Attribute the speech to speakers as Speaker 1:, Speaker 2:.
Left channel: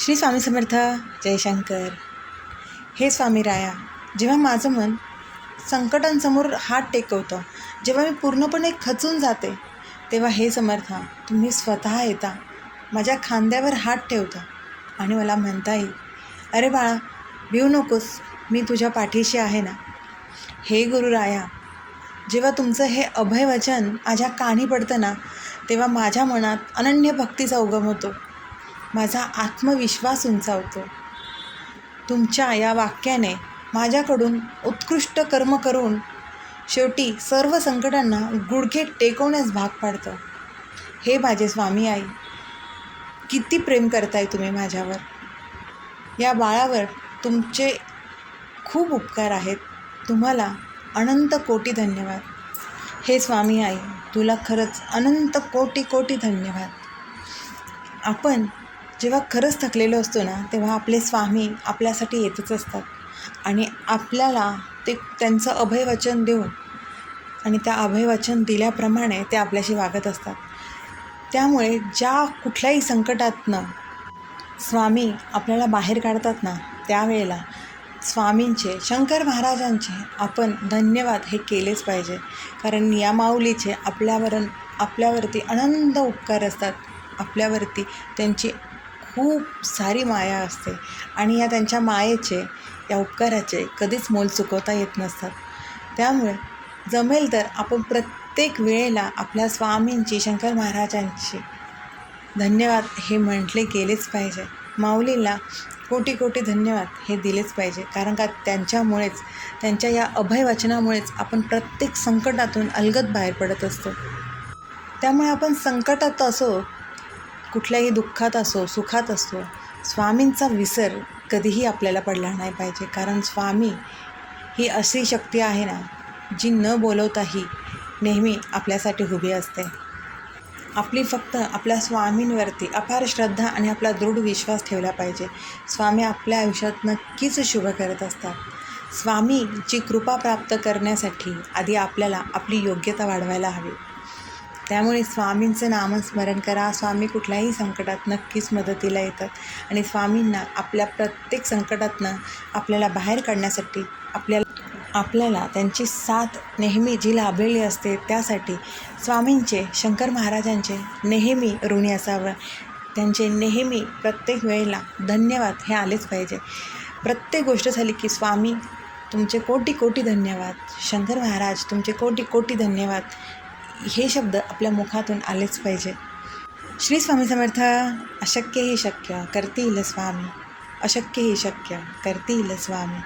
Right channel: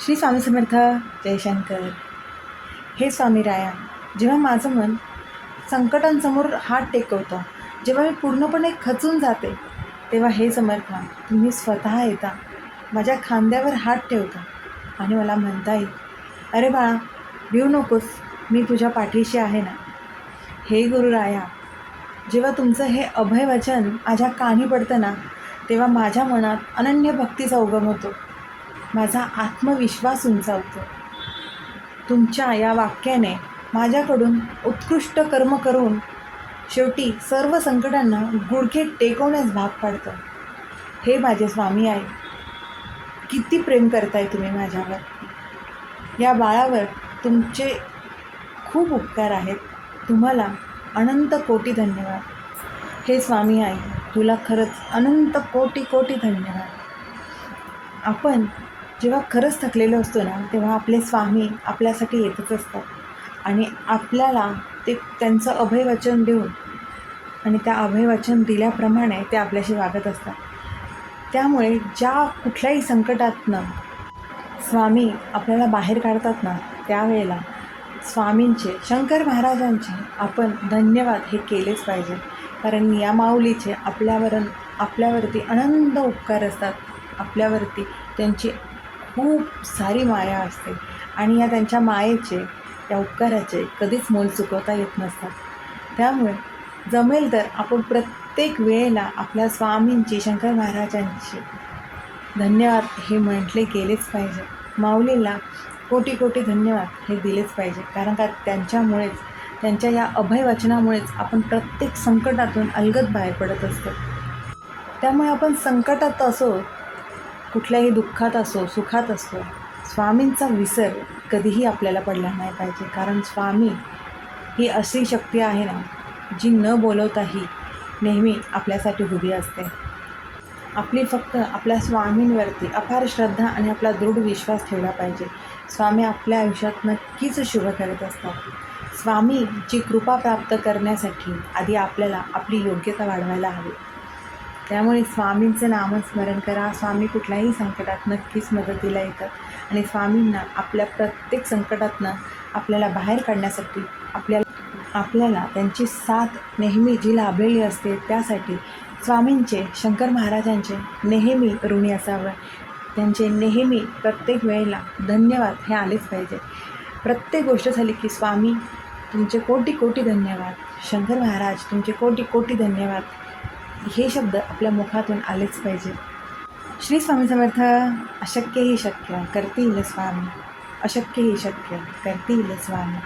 Speaker 1: श्री स्वामी समर्थ जयशंकर हे स्वामी राया जेव्हा माझं मन संकटांसमोर हात टेकवतं जेव्हा मी पूर्णपणे खचून जाते तेव्हा हे समर्थ तुम्ही स्वतः येता माझ्या खांद्यावर हात ठेवता आणि मला म्हणता येईल अरे बाळा भिऊ नकोस मी तुझ्या पाठीशी आहे ना? हे गुरुराया जेव्हा तुमचं हे अभय वचन माझ्या कानी पडतं ना तेव्हा माझ्या मनात अनन्य भक्तीचा उगम होतो. माझा आत्मविश्वास उंचावतो. तुमच्या या वाक्याने माझ्याकडून उत्कृष्ट कर्म करून शेवटी सर्व संकटांना गुडघे टेकवण्यास भाग पाडतं. हे माझे स्वामी आई किती प्रेम करताय तुम्ही माझ्यावर. या बाळावर तुमचे खूप उपकार आहेत. तुम्हाला अनंत कोटी धन्यवाद. हे स्वामी आई तुला खरंच अनंत कोटी कोटी धन्यवाद. आपण जेव्हा खरंच थकलेलो असतो ना तेव्हा आपले स्वामी आपल्यासाठी येतच असतात. आणि आपल्याला ते त्यांचं अभयवचन देऊन आणि त्या अभयवचन दिल्याप्रमाणे ते आपल्याशी वागत असतात. त्यामुळे ज्या कुठल्याही संकटातनं स्वामी आपल्याला बाहेर काढतात ना त्यावेळेला स्वामींचे शंकर महाराजांचे आपण धन्यवाद हे केलेच पाहिजे. कारण या माऊलीचे आपल्यावर आपल्यावरती आनंद उपकार असतात. आपल्यावरती त्यांची खूप सारी माया असते. आणि या त्यांच्या मायेचे या उपकाराचे कधीच मोल चुकवता येत नसतात. त्यामुळे जमेल तर आपण प्रत्येक वेळेला आपल्या स्वामींची शंकर महाराजांची धन्यवाद हे म्हटले गेलेच पाहिजे. माऊलीला कोटी कोटी धन्यवाद हे दिलेच पाहिजे. कारण का त्यांच्यामुळेच त्यांच्या या अभयवचनामुळेच आपण प्रत्येक संकटातून अलगद बाहेर पडत असतो. त्यामुळे आपण संकटात असो कुठल्याही दुःखात असो सुखात असो स्वामींचा विसर कधीही आपल्याला पडला नाही पाहिजे. कारण स्वामी ही अशी शक्ती आहे ना जी न बोलवताही नेहमी आपल्यासाठी उभी असते. आपली फक्त आपल्या स्वामींवरती अपार श्रद्धा आणि आपला दृढ विश्वास ठेवला पाहिजे. स्वामी आपल्या आयुष्यात नक्कीच शुभ करत असतात. स्वामीची कृपा प्राप्त करण्यासाठी आधी आपल्याला आपली योग्यता वाढवायला हवी. त्यामुळे स्वामींचं नामस्मरण करा. स्वामी कुठल्याही संकटात नक्कीच मदतीला येतात. आणि स्वामींना आपल्या प्रत्येक संकटातनं आपल्याला बाहेर काढण्यासाठी आपल्याला आपल्याला त्यांची साथ नेहमी जी लाभलेली असते त्यासाठी स्वामींचे शंकर महाराजांचे नेहमी ऋणी असावं. त्यांचे नेहमी प्रत्येक वेळेला धन्यवाद हे आलेच पाहिजे. प्रत्येक गोष्ट झाली की स्वामी तुमचे कोटी कोटी धन्यवाद. शंकर महाराज तुमचे कोटी कोटी धन्यवाद. हे शब्द आपल्या मुखातून आलेच पाहिजे. श्री स्वामी समर्थ अशक्य ही शक्य करतील स्वामी. अशक्य ही शक्य करतील स्वामी.